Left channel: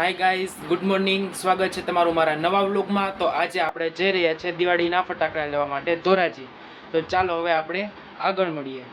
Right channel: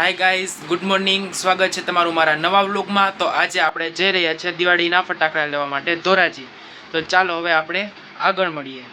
Hi guys, good morning. સ્વાગત છે તમારું મારા નવા વ્લોગમાં. તો આજે આપણે જઈ રહ્યા છીએ દિવાળીના ફટાકડા લેવા માટે ધોરાજી. તો ચાલો હવે આપણે આગળ મળીએ.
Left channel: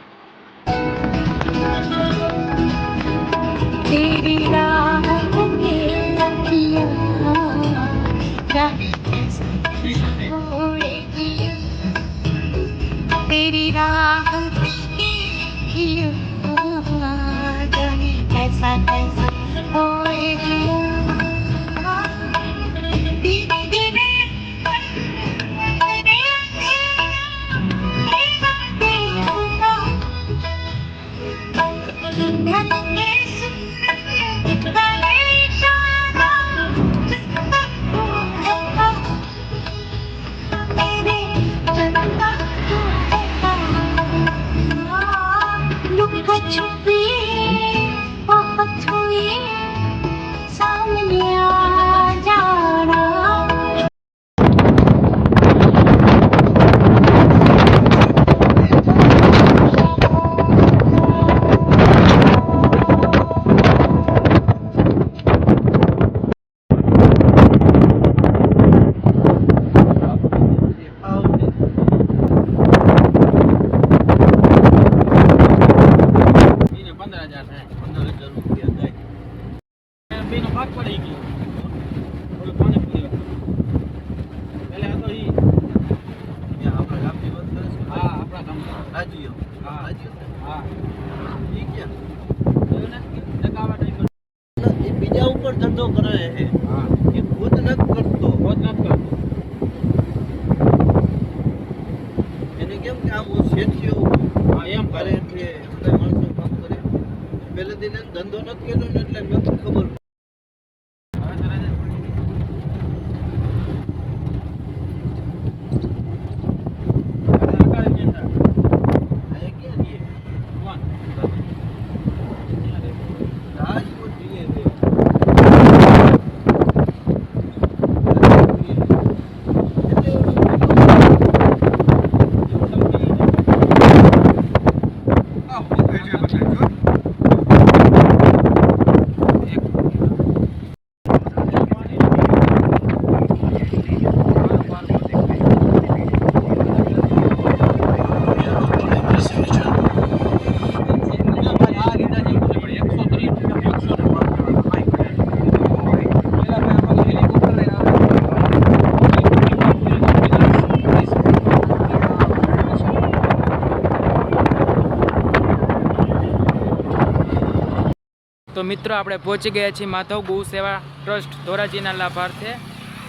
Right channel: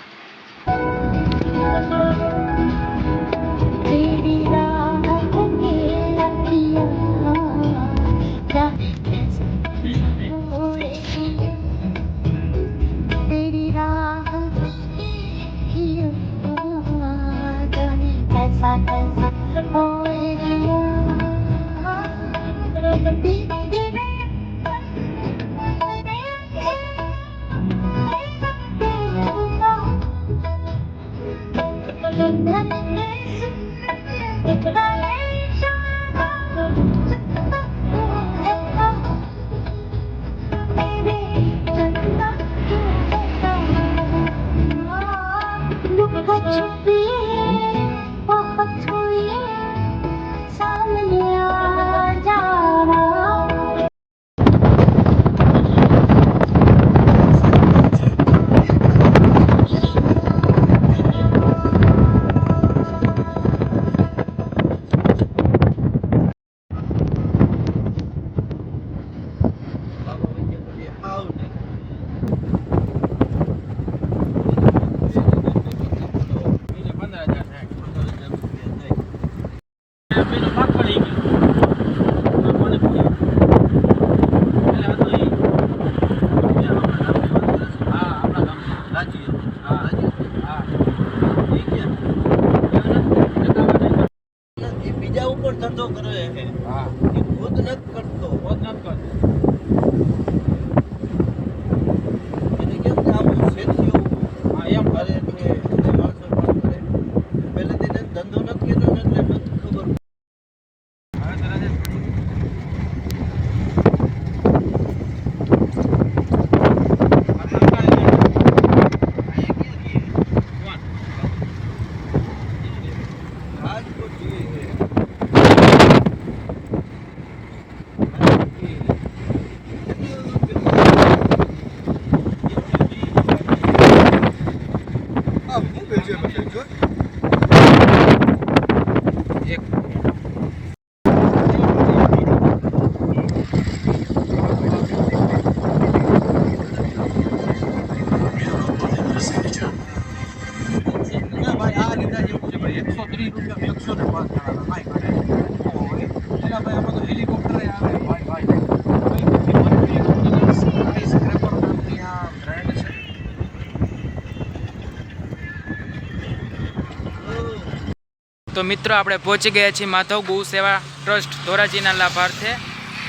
તો મિત્રો આપણે પહોંચી ગયા છીએ માધવ ગૌ સેવા ટ્રસ્ટ ધોરાજીના લાભાર્થે.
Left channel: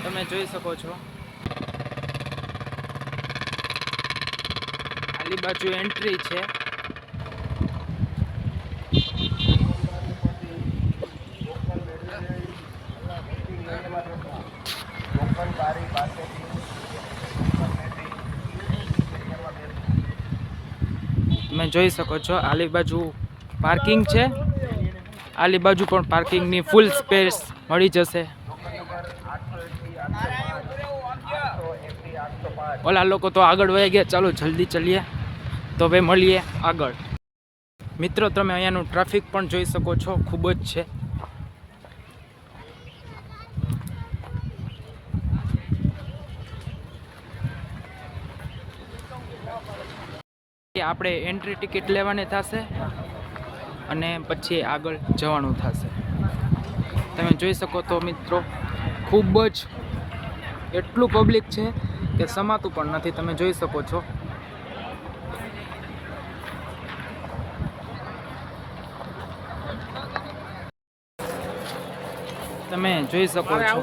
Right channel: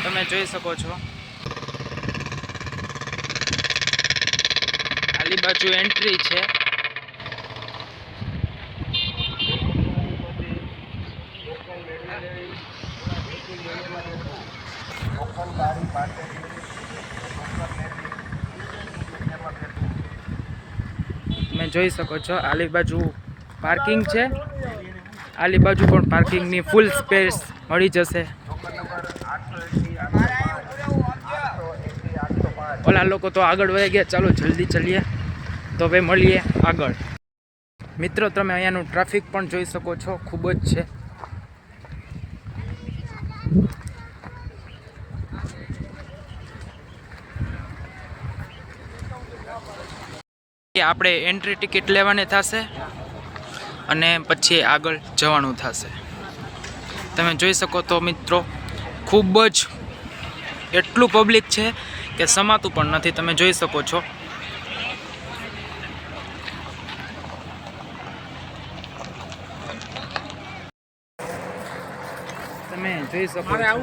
તમે જોઈ શકો છો આલી બાજુ એન્ટ્રી છે. તમે જોઈ શકો છો આલી બાજુ પાર્કિંગ છે. આલી બાજુ પણ પાર્કિંગની ફૂલ સ્પેસ મળી જશે. ઓલા લોકો તો આગળ વહી ગયા. ચાલો જલ્દી ચલીએ. તો હવે મળીએ આગળ. મિત્રો તમે અહીંયાનું ટ્રાફિક પણ જોઈ શકો છો, ખૂબ જ છે. આપણે એન્ટ્રી ટિકિટ લેવાની થશે અને પછી આગળ જવાનું થશે. તમે જોઈ શકો તો મિત્રો ખૂબ જ એટલું પબ્લિક છે કે સમાતું પણ નથી. તમે જોઈ શકો છો. તમે જોઈ શકો છો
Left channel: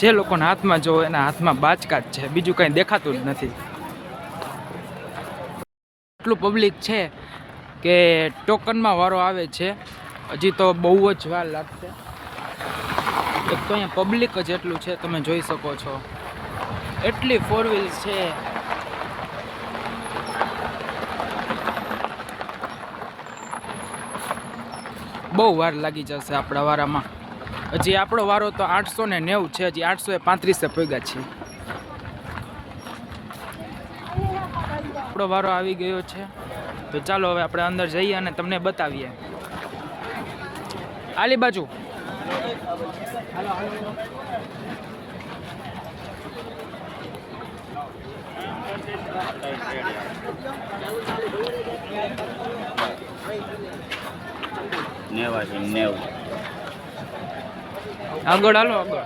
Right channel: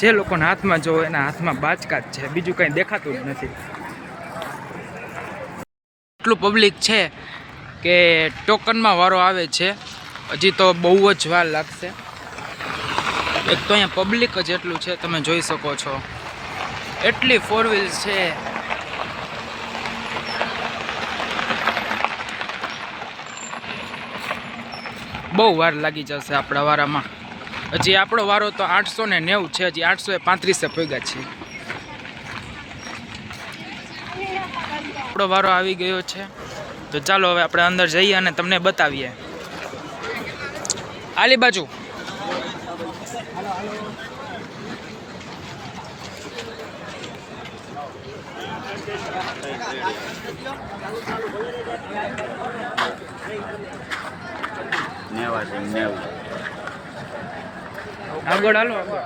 જે લોકોના હાથમાં જોવો એના હાથમાં બાચકાટ છે, બીજું કંઈ દેખાતું જ નથી. એટલું પબ્લિક છે કે ટોકનમાં વારો આવે છે. હજી તો બહુ જ વાર લાગશે. એક તો અહીંયા પબ્લિક જ એટલું છે. તમે જોઈ શકો છો એટલી ફોર વ્હીલ છે. બહુ વાર લાગી જશે આપણા વારામાં. હજી આપણો વારો તો 890 છે. હજી 835 પગ્યા છે. આપણો વારો આવી ગયો છે. તો ચાલો હવે આપણે અંદર જઈએ અને તમને બતાવીએ. આલી બાજુ આગળ હાલો આગળ.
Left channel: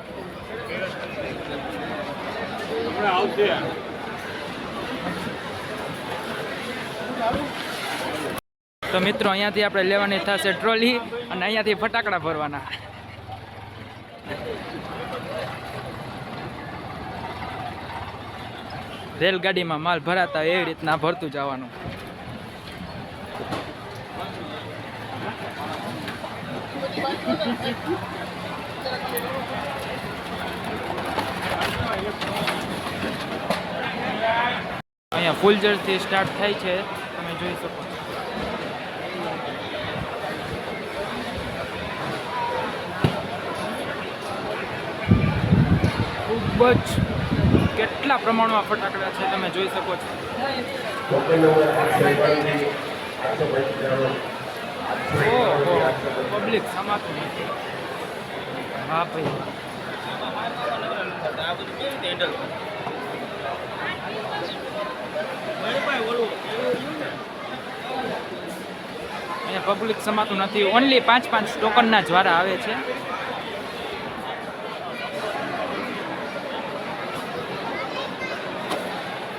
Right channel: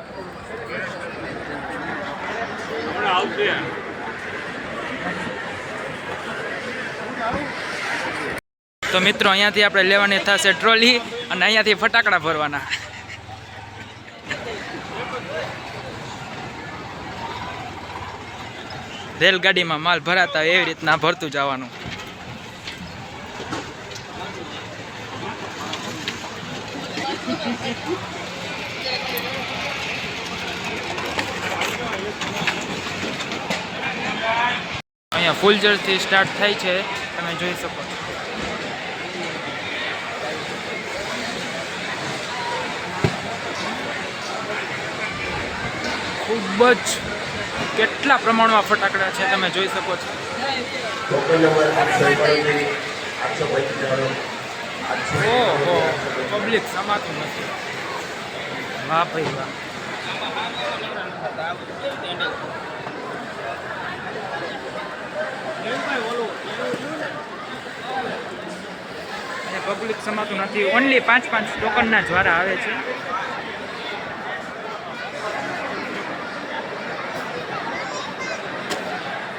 તો મિત્રો અહીંયાથી આપણે લેવાની થશે ટ્રોલી અને અહીંયાથી ફટાકડા ભરવાના. રેલગાડીમાં માલ ભરાતા એવી રીતના ભરતું જવાનું. અહીંયા ફૂલજરથી સ્ટાર્ટ થાય છે, તમે જોઈ શકો છો. ખૂબ જ કેટલા પ્રમાણમાં ફટાકડા છે તમે જોઈ શકો છો. ઓહો, પબ્લિક સમાતું નથી. વાહ ભાઈ વાહ. અહીંયા પબ્લિક સમાતું નથી. ઓનલી 5 ટોકનના જ્વારા આવે છે.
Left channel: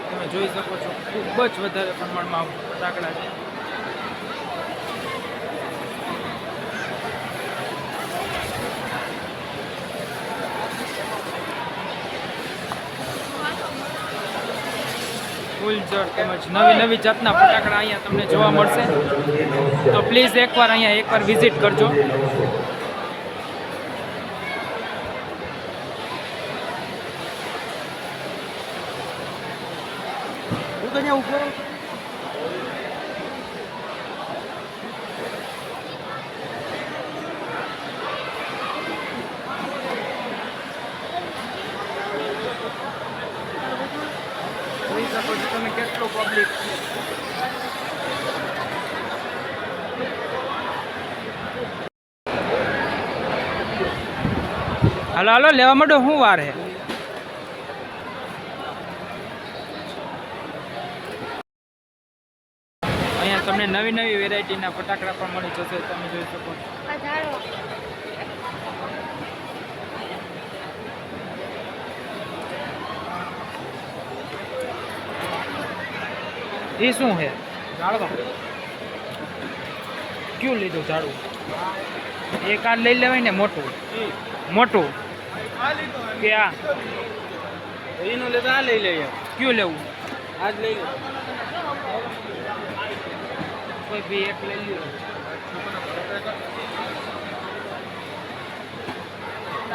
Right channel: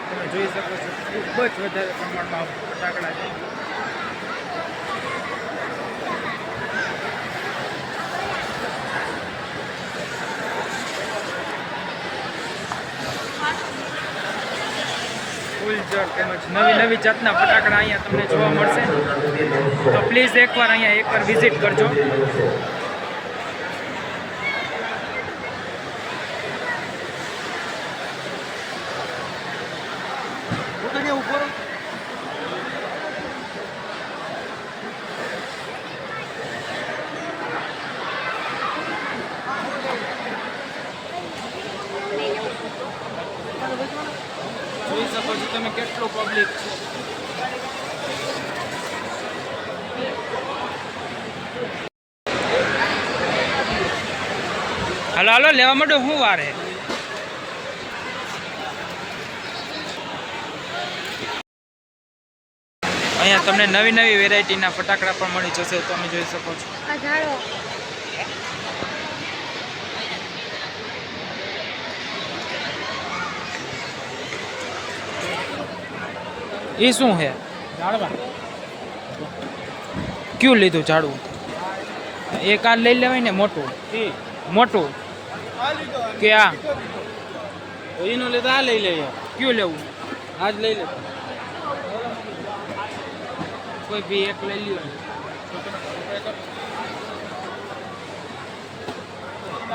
તમે જોઈ શકો છો ખૂબ જ વધારે પ્રમાણમાં ફટાકડા છે. ફૂલઝર તેમજ નવી જાતના ફટાકડા અહીંયા તમને જોવા મળશે. તો પ્લીઝ એકવાર વિઝિટ કરજો. જોઈ શકો છો તમે કેટલું પબ્લિક છે. હાલો હાલો લેવા માંડો, શું વાર હે. અહીંયા તમને નવી વેરાયટીના ફટાકડા પણ મળી જશે, તમે જોઈ શકો છો. એ શું છે? ક્યું લીધું ઝાડવું? એક આ લઈ લેવાય ને મોટું કે આ એનું લેતા આ લઈ લઈએ. ક્યું લેવું? આજ લઈ લે. કોઈ બી એક લઈ લ્યો.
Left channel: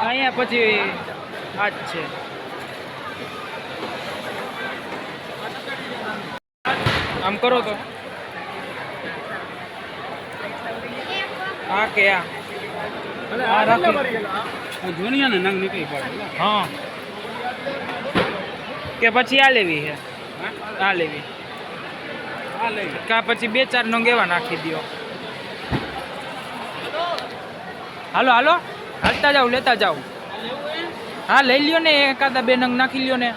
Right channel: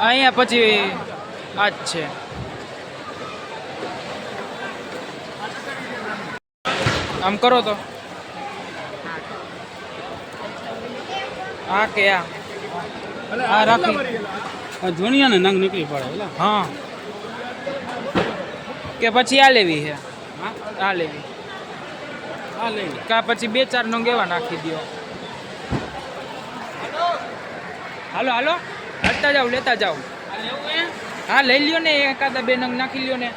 અહીંયા પછી આ જ છે. આમ કરો તો આ કે આ રાખી ધોનિયા ને નંગ નીકળી પડે. હા કે પછી આ લેવી છે? આ લેવી કા પછી 2-4 નંગ એવા નાખી દો. હાલો હાલો હાલતા જાઓ, લેતા જાઓ. હા લઈ લ્યો ને, એકાદા 2 નંગ નાખી લ્યો ને.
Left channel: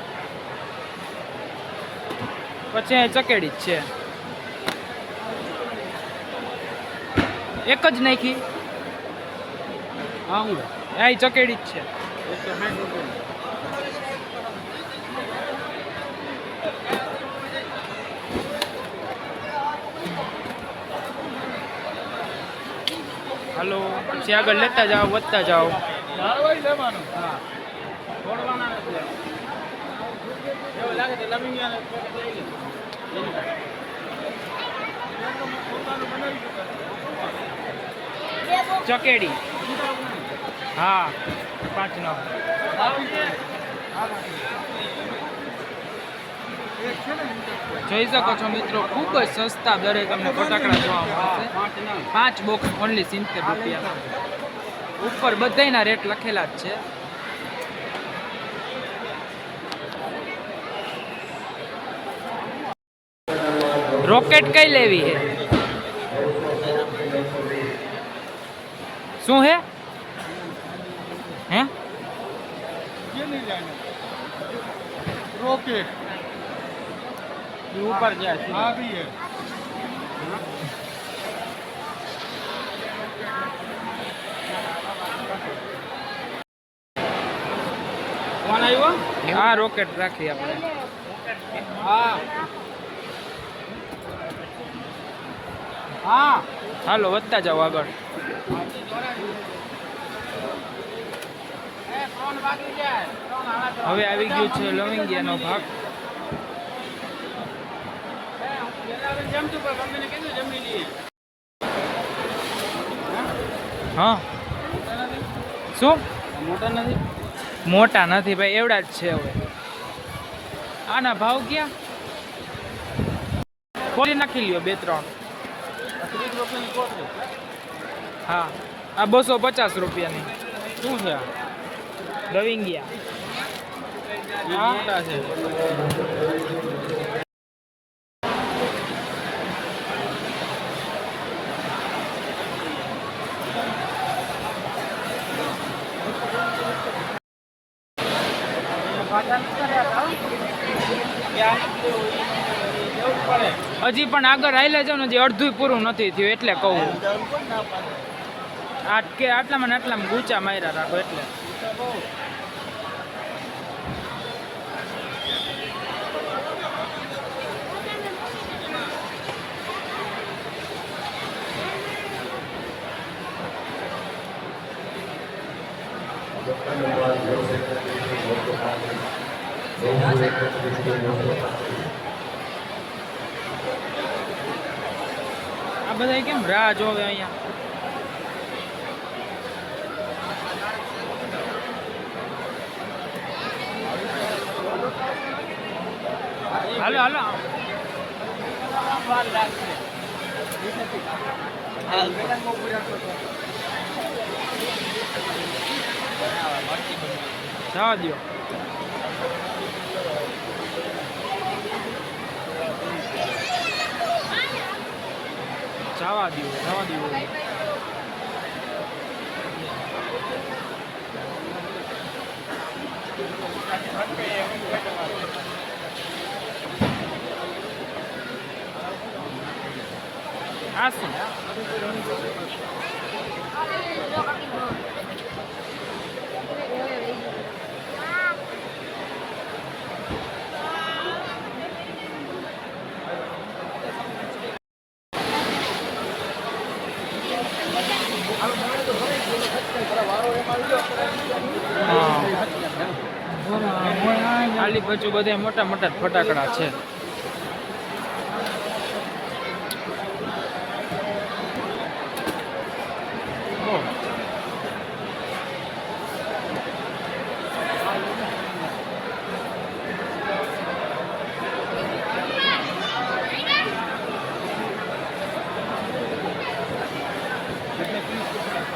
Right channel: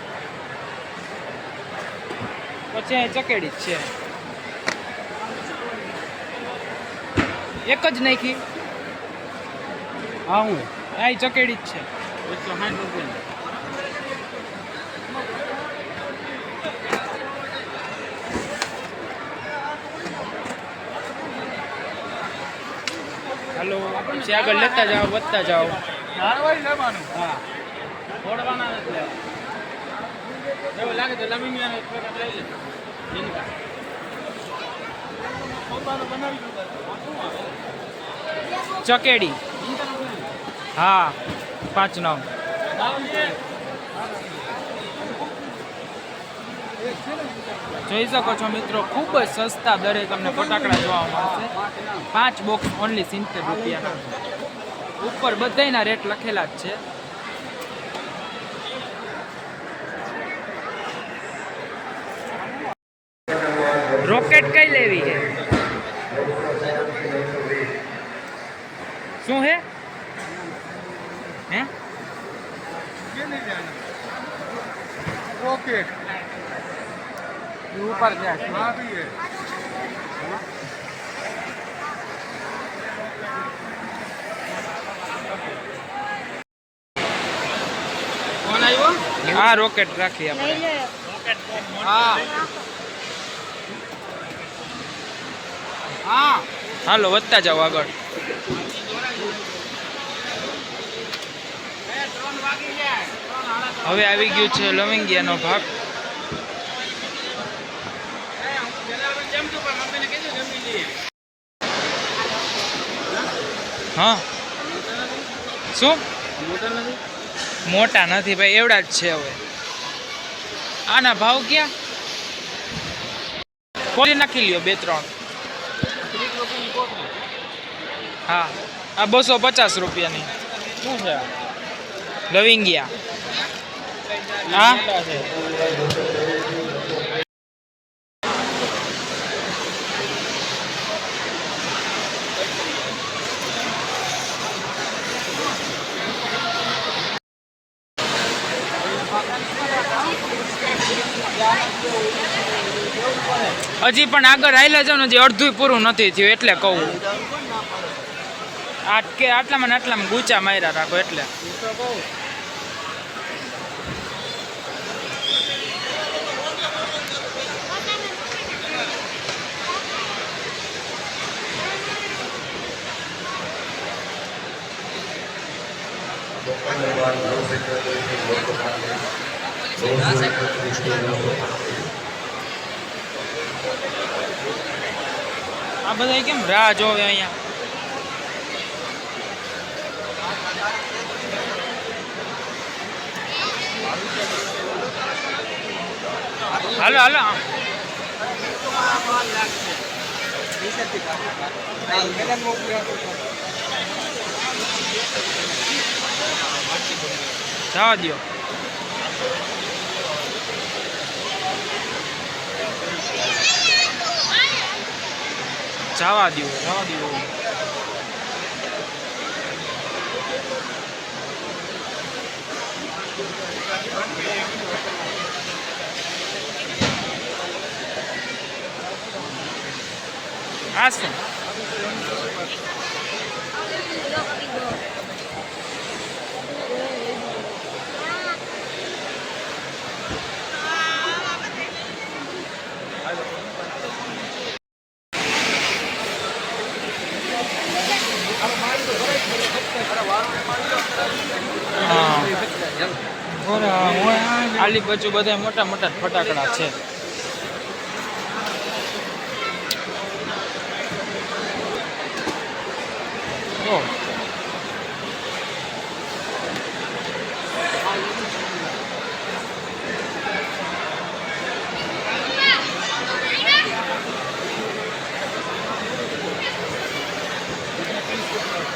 પછી અહીં ચકેડી જ છે, એક જ નાખી. હા હું અહીં ચકેડી જ છે. 160 રૂપિયા. હાલો પછી આગળ લેતા જાઓ, વધતા જાઓ. લેવાનું. હા છોડવાના નથી. એવું લાગે તો લવિંગિયાને પેકેટ લઈ લે. ચકેડી હા 5 નંગ. જોઈ શકો છો મિત્રો, ખૂબ જ સસ્તા દરે તમને ફટાકડા જોવા મળશે. 5 બોક્સ ઓનલી 70 રૂપિયાના. ઉપર બધાયના રેટ લખેલા જ છે. રોકેટ કઈ લેવી છે? શું હે? હે ये नहीं जाना रॉकेट ये ऊपर क्या है हाँ भी है कौन आयो આ રોકેટ રાખી આપણે हाँ हाँ હાલો વધતા જાઓ આગળ હવે આવી ગયું છે લવિંગિયાનો ભાગ હા શું મોટર નથી મોટા નથી ભાઈ એવડા જ છે હવે આના ભાવ ક્યાં ખોલી નાખી લ્યો 2-3 હા આ 250 રૂપિયાની શું છે લવિંગિયા હા હજી પણ આગળ હાલ્યા જાવ ને હજી અડધું પૂરું નથી થયું એટલે કહું આટલામાં ને આટલામાં ગૂંચા માર્યા રાખો એટલે આ બધા કેમ રાહ જોવે અહીંયા હાલો હાલો જવા દો જવા દો આ શું આલી બાજુ બધા મોટા મોટા ફટાકડા છે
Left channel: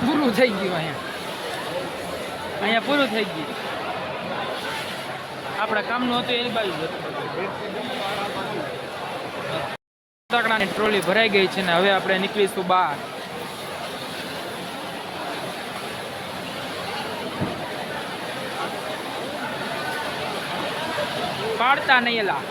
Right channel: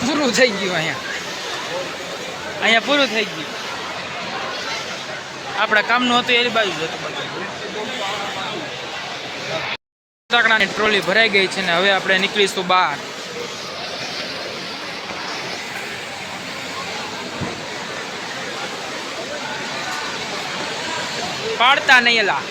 પૂરું થઈ ગયું અહીંયા પૂરું થઈ ગયું આપણા કામનું હતું એની બાજુ જ હતું ફટાકડાની ટ્રોલી ભરાઈ ગઈ છે ને હવે આપણે નીકળીશું બહાર પાડતા નહીં એલા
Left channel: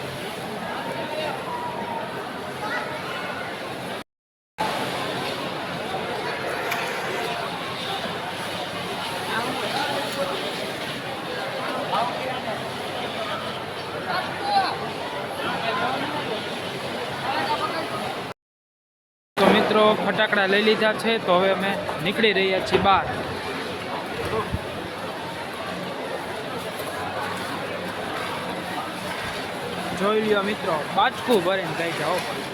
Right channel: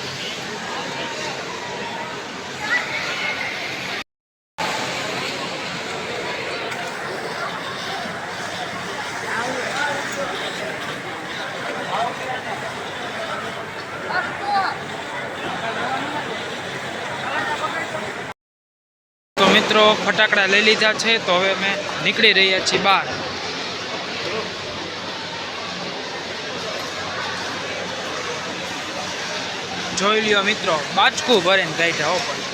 તો મિત્રો ફટાકડા લઈ લીધા છે તો હવે અમે નીકળી રહ્યા છીએ બહાર જોઈ લ્યો મિત્રો બાચકું ભરીને કાઢ્યા હો પણ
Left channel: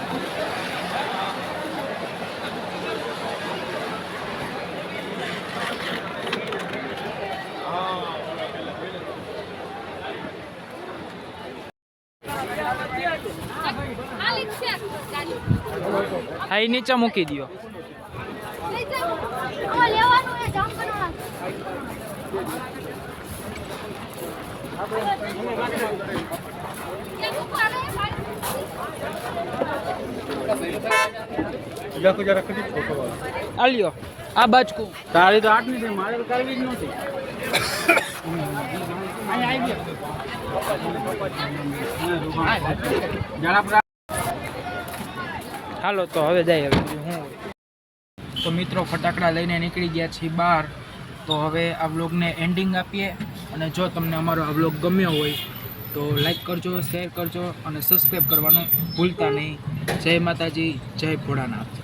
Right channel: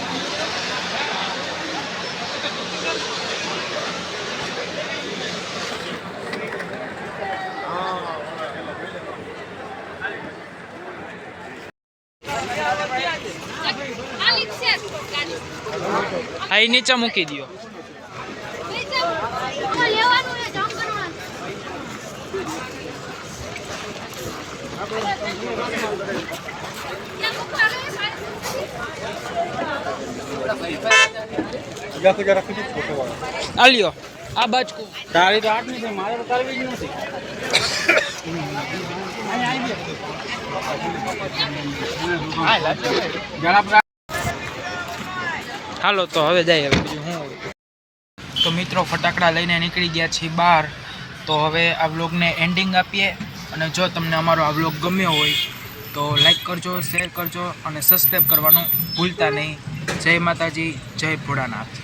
હા એ નીચે મૂકી દો આ લ્યો આ બાજુ તારી તો આઠ નથી મારે તો કરવી જ નથી હાલો તો હવે જાય હવે બીજું શું હોય. તો મિત્રો ફટાકડા લઈને નીકળી ગયા છીએ બહાર. તો હવે આ વ્લોગને એન્ડિંગ આપીએ. અને જો તમને અમારો આ વ્લોગ ગમ્યો હોય તો લાઈક કરજો, શેર કરજો અને સબસ્ક્રાઈબ કરવાનું ભૂલતા નહીં. જય માતાજી, જય ભોળાનાથ.